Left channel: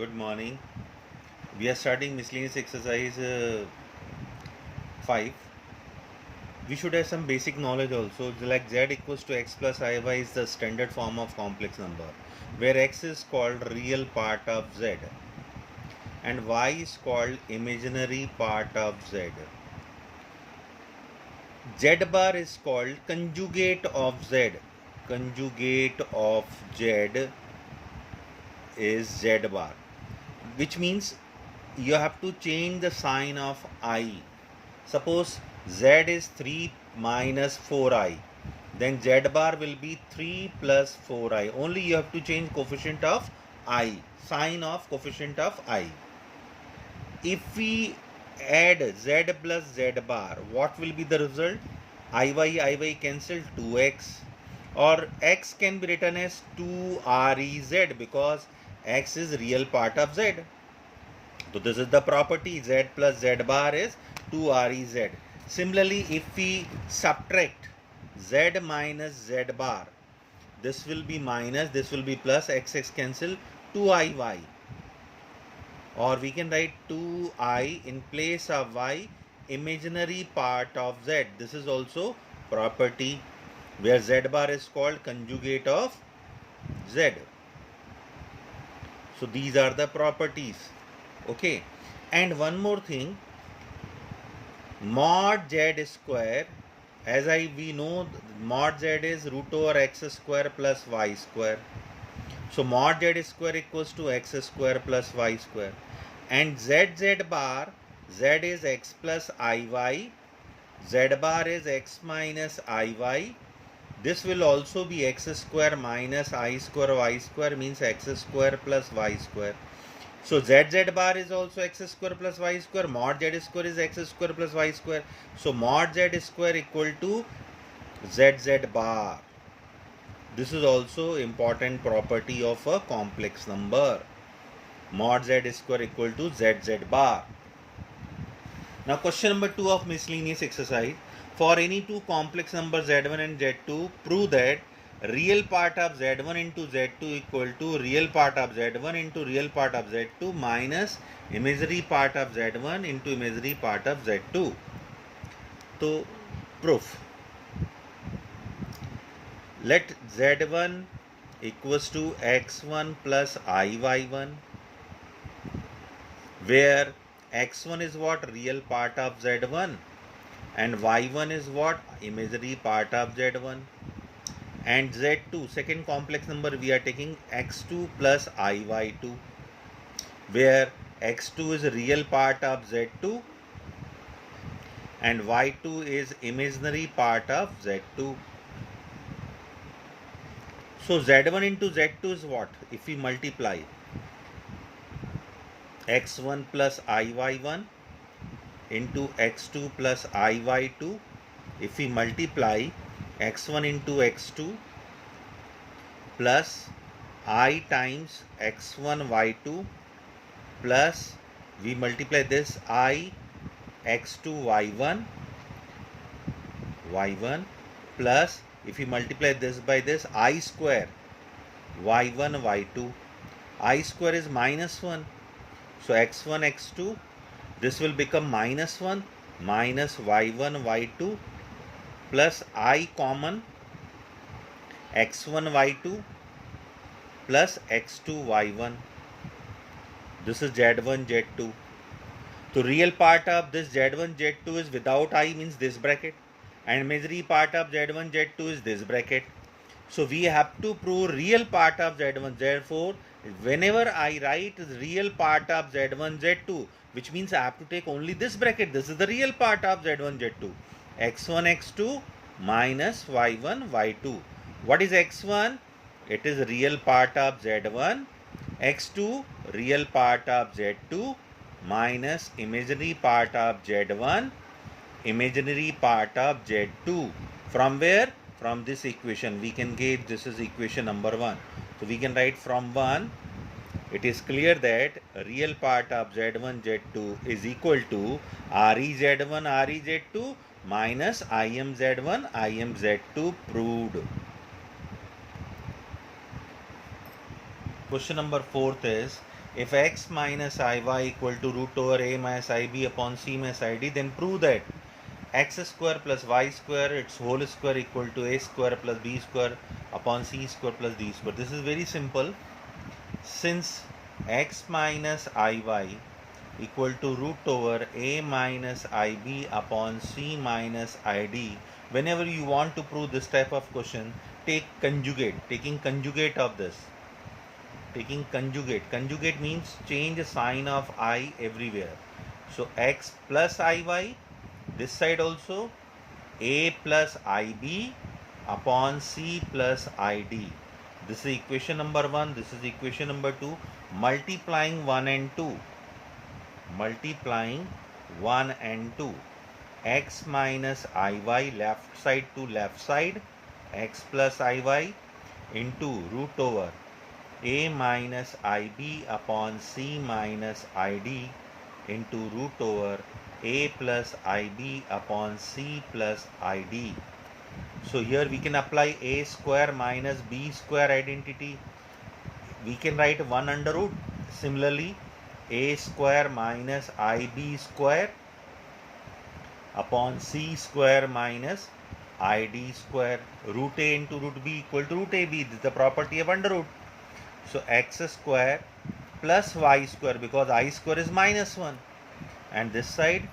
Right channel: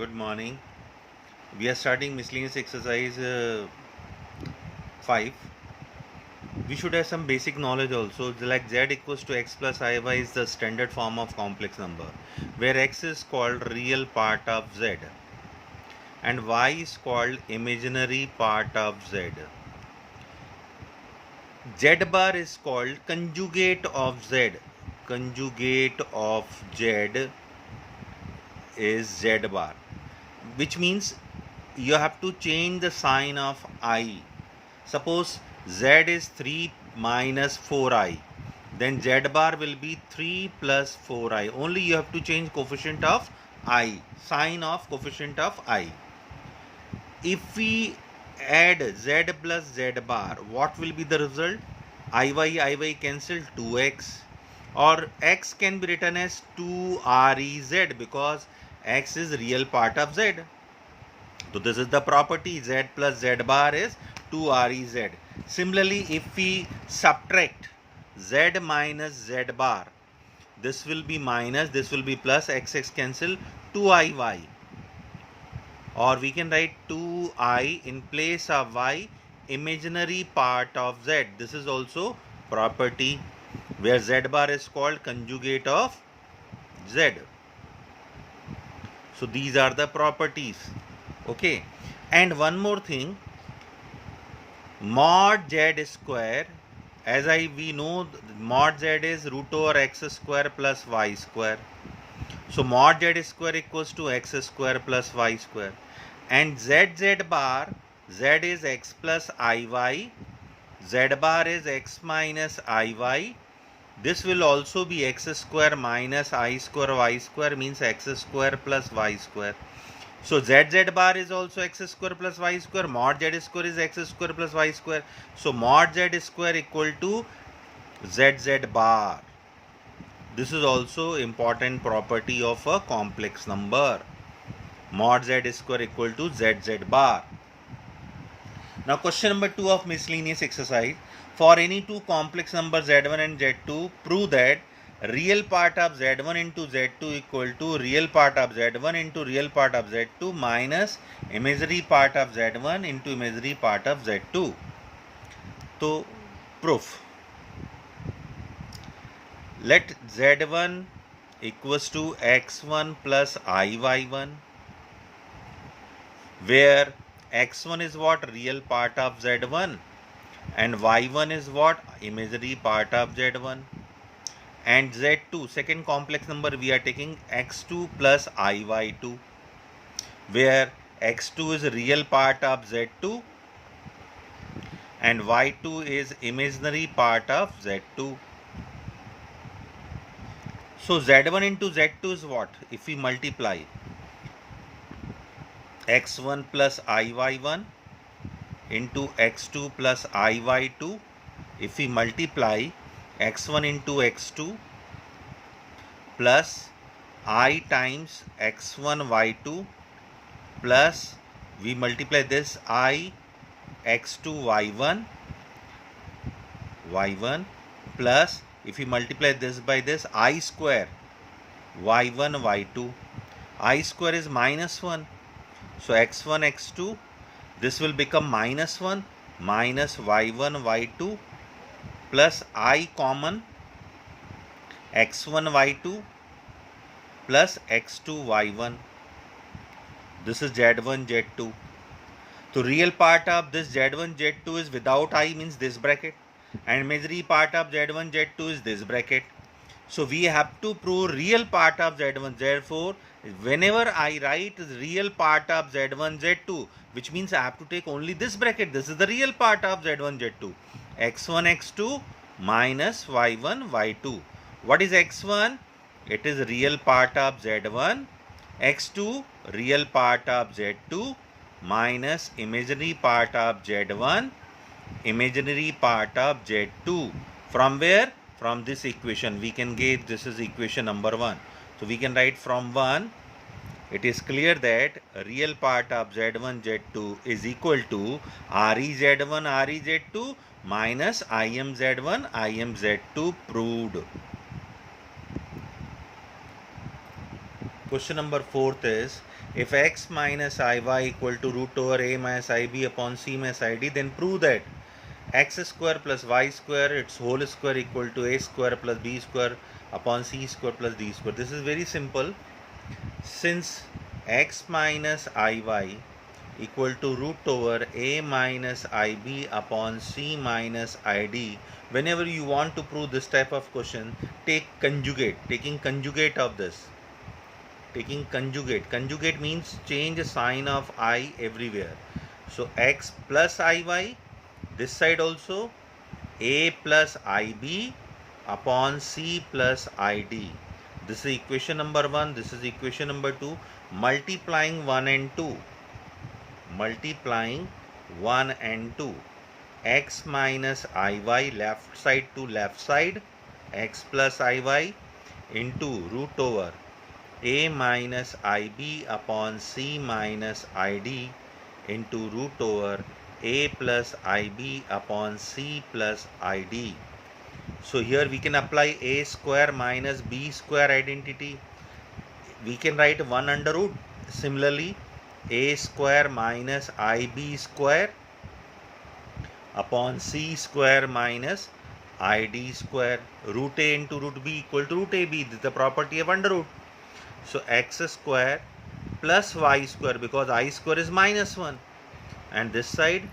Good morning. We are starting miscellaneous exercise 5. We should have some basic knowledge also. Like z equals to x plus iy is the standard form of complex number, where x is called real part of z and y is called imaginary part of z. Z bar is called conjugate of z. Conjugate of z is z bar, which means you have to change the sign of I. Suppose z is 3 minus 4i, then z bar will be 3 plus 4i. Only you have to change coefficient of I, sign of coefficient of I. If we add z plus z bar, what will be the result? Iy cancel 2x, or x can be written as 2rez because x is real part of z. So this is the property, z plus z bar is 2rez. Similarly, if we subtract z minus z bar, this will be minus, this will be plus, x cancel, 2iy. Or we can write 2i in place of y, imaginary part of z. This is also property where z bar is called conjugate of z. So these are the properties. Okay, and one more thing, mod z square, as we know, mod z is root over x square plus y square. So mod z square equals to x square plus y square, and z bar, z is x plus iy, z bar is x minus iy. This will also be x square minus I square y square, means x square plus y square. So z bar is also x square plus y square, mod z square is x square plus y square. So mod z square equal to z bar. This is also important property of a complex number. Mod z square equal to z bar. Now question number 2 of miscellaneous exercise. For any two complex numbers z1 and z2, prove that real part of z1 into z2 equal to real part of z1 into real part of z2 minus imaginary part of z1 into imaginary part of z2. So proof. Let z1 equals to x1 plus iy1, where x1 is what? Real part of z1 and y1 is what? Imaginary part of z1. And z2, second complex number, we are taking x2 plus iy2, where x2 is real part of z2 and y2 is imaginary part of z2. So z1 into z2 is what? If we multiply x1 plus iy1 into x2 plus iy2, if we multiply x1 into x2 plus I times x1 y2 plus we multiply this I x2 y1 plus if we multiply this by this I square y1 y2, I square is minus 1. So x1 x2, this will become minus 1 minus y1 y2 plus I common x1 y2 plus x2 y1. This is z1 z2. So real part of this z1 z2 is without I, means this bracket, and imaginary part of z1 z2 is this bracket. So we have to prove real part of z1. Therefore, whenever I write real part of z1 z2, which means I have to take only this bracket. This is the real part of z1 z2. x1 x2 minus y1 y2. What is x1? It is real part of z1. x2 real part of z2 minus imaginary part of z1, imaginary part of z2. From where? From this equation we can get, this is equation number 1. So we can write from 1, it is clear that real part of z1 z2 is equal to rez1 rez2 minus imz1 imz2, proved. Question number 4 is, If x minus iy equal to root over a minus ib upon c minus id, then prove that x square plus y square its whole square equal to a square plus b square upon c square plus d square. This is very simple. Since x minus iy equal to root over a minus ib upon c minus id, whenever you want to prove this type of question, take conjugate. Taking conjugate of this. Taking conjugate means change sign of I everywhere. So x plus iy, this side also a plus ib upon c plus id. This is equation number 1, this is equation number 2. Multiplying 1 and 2, multiplying 1 and 2, x minus iy left side to left side, x plus iy into root over a minus ib upon c minus id into root over a plus ib upon c plus id. So here we can apply a square minus b square identity. We can write 1 under root. Similarly, a square minus ib square upon c square minus id square. Root a into root b equal to root ab. This is the property of under root. So x square plus y square, because I square is minus 1, and this side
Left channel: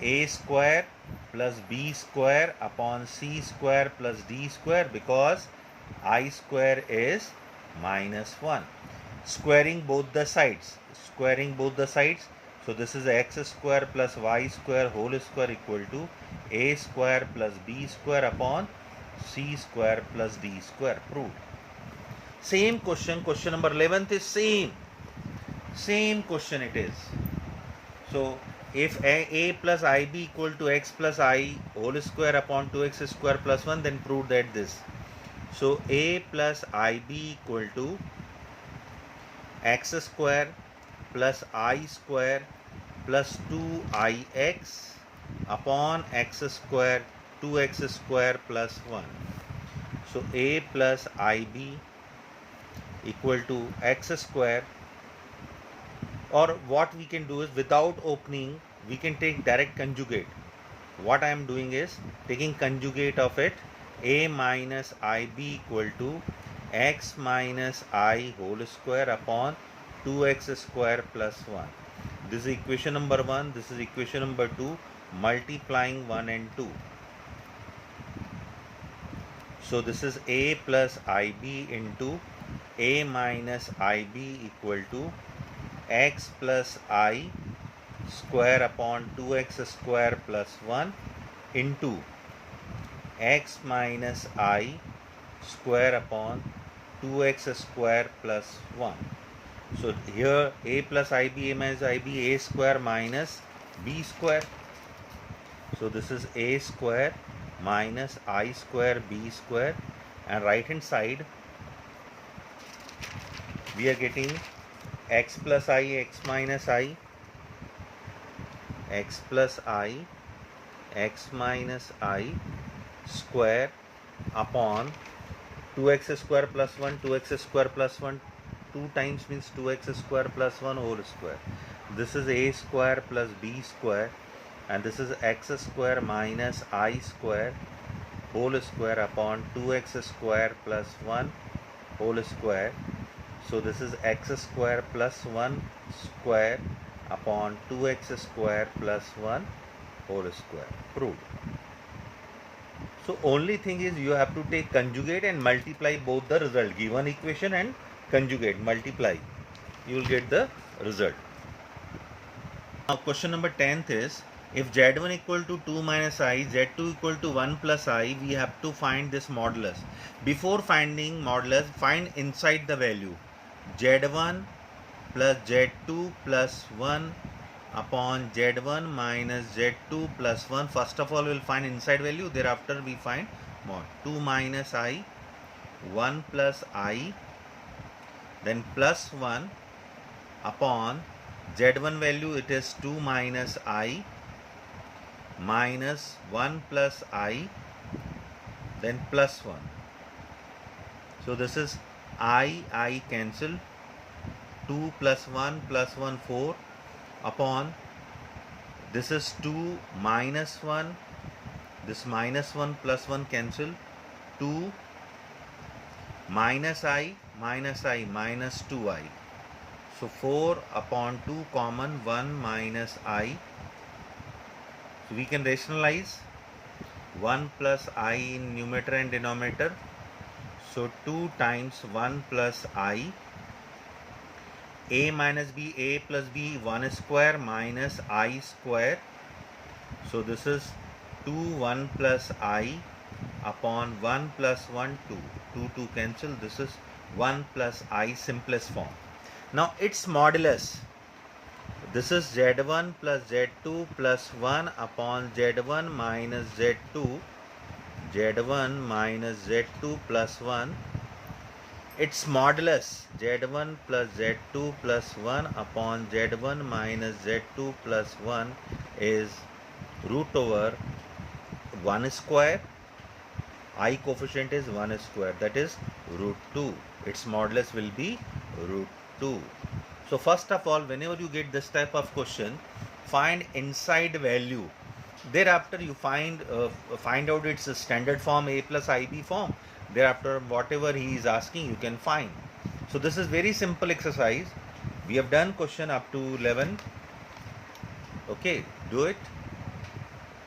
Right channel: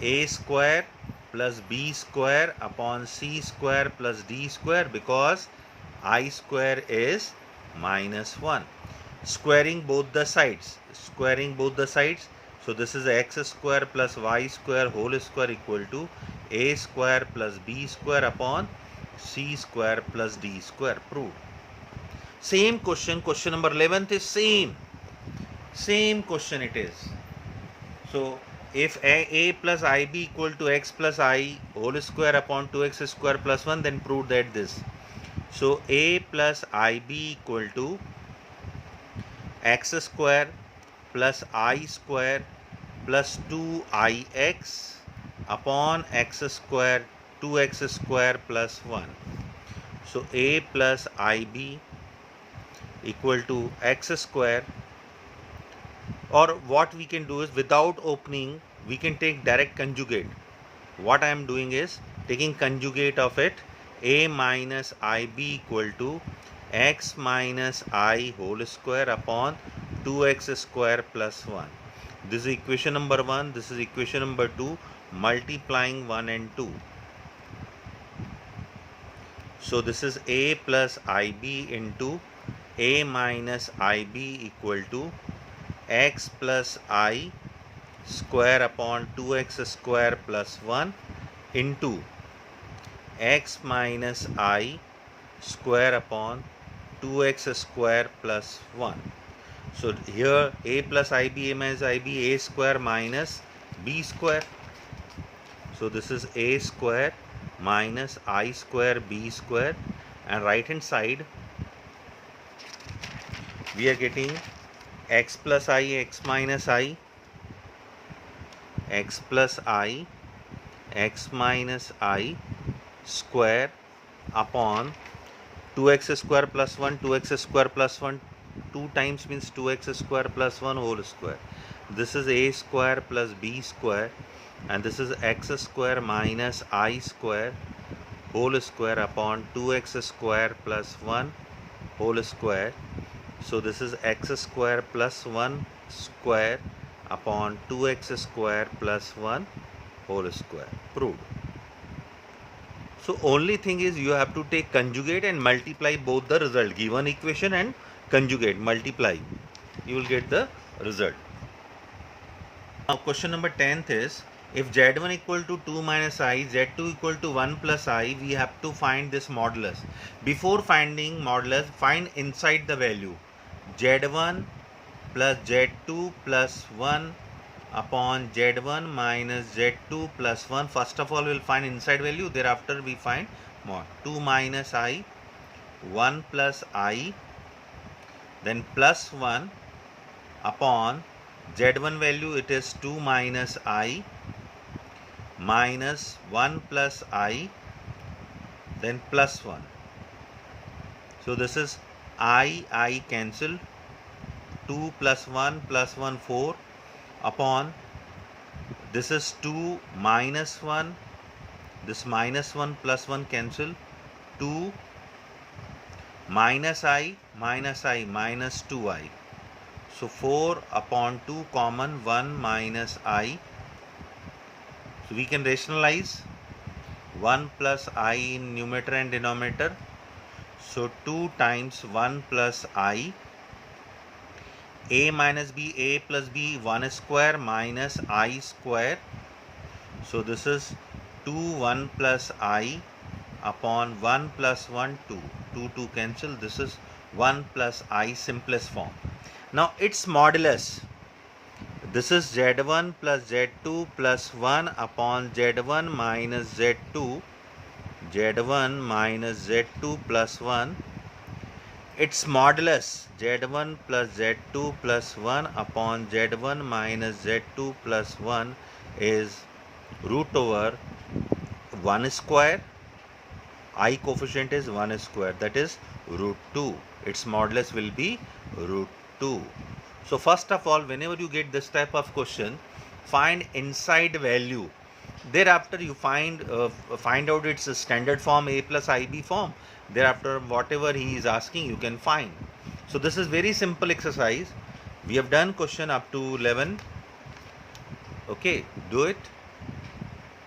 a square plus b square upon c square plus d square, because I square is minus 1. Squaring both the sides. So this is x square plus y square whole square equal to a square plus b square upon c square plus d square. Proved. Same question, question number 11th is same question it is. So if a plus ib equal to x plus I whole square upon 2x square plus 1, then prove that this. So a plus ib equal to x square plus I square plus 2ix upon x square 2x square plus 1. So a plus ib equal to x square, or what we can do is, without opening we can take direct conjugate. What I am doing is taking conjugate of it. A minus ib equal to x minus I whole square upon 2x square plus 1. This is equation number 1, this is equation number 2, multiplying 1 and 2. So this is a plus ib into a minus ib equal to x plus I square upon 2x square plus 1 into x minus I square upon 2x square plus 1. So here a plus ib, a minus ib, a square minus b square. So this is a square minus I square b square, and right hand side we are getting x plus I, x minus I, x plus I, x minus I square upon 2x square plus 1, 2x square plus 1, 2 times means 2x square plus 1 whole square. This is a square plus b square, and this is x square minus I square whole square upon 2x square plus 1 whole square. So this is x square plus 1 square upon 2x square plus 1 whole square. Proved. So only thing is you have to take conjugate and multiply both the result. Given equation and conjugate, multiply. You will get the result. Now question number 10th is, if z1 equal to 2 minus I, z2 equal to 1 plus I, we have to find this modulus. Before finding modulus, find inside the value. z1 plus z2 plus 1 upon z1 minus z2 plus 1. First of all we will find inside value, thereafter we find mod. 2 minus I, 1 plus I, then plus 1 upon z1 value, it is 2 minus I minus 1 plus I, then plus 1. So this is I cancel, 2 plus 1 plus 1 4 upon this is 2 minus 1, this minus 1 plus 1 cancel, 2 minus I minus 2I. So 4 upon 2 common, 1 minus I. So we can rationalize 1 plus I in numerator and denominator. So 2 times 1 plus I. A minus B, A plus B, 1 square minus I square. So this is 2 1 plus I upon 1 plus 1 2. 2 cancel. This is 1 plus I simplest form. Now its modulus. This is Z1 plus Z2 plus 1 upon Z1 minus Z2. Z1 minus Z2 plus 1. Its modulus Z1 plus Z2 plus 1 upon Z1 minus Z2 plus 1 is root over 1 square. I coefficient is 1 square, that is root 2. Its modulus will be root 2. So first of all, whenever you get this type of question, find inside value. Thereafter you find out its standard form, A plus IB form. Thereafter whatever he is asking you can find. So this is very simple exercise. We have done question up to 11. Okay, do it.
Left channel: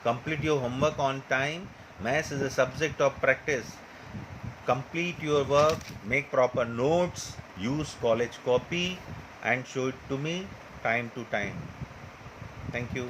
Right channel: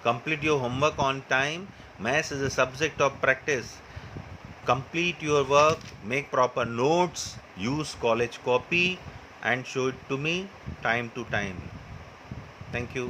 Complete your homework on time. Maths is a subject of practice. Complete your work, make proper notes, use college copy and show it to me time to time. Thank you.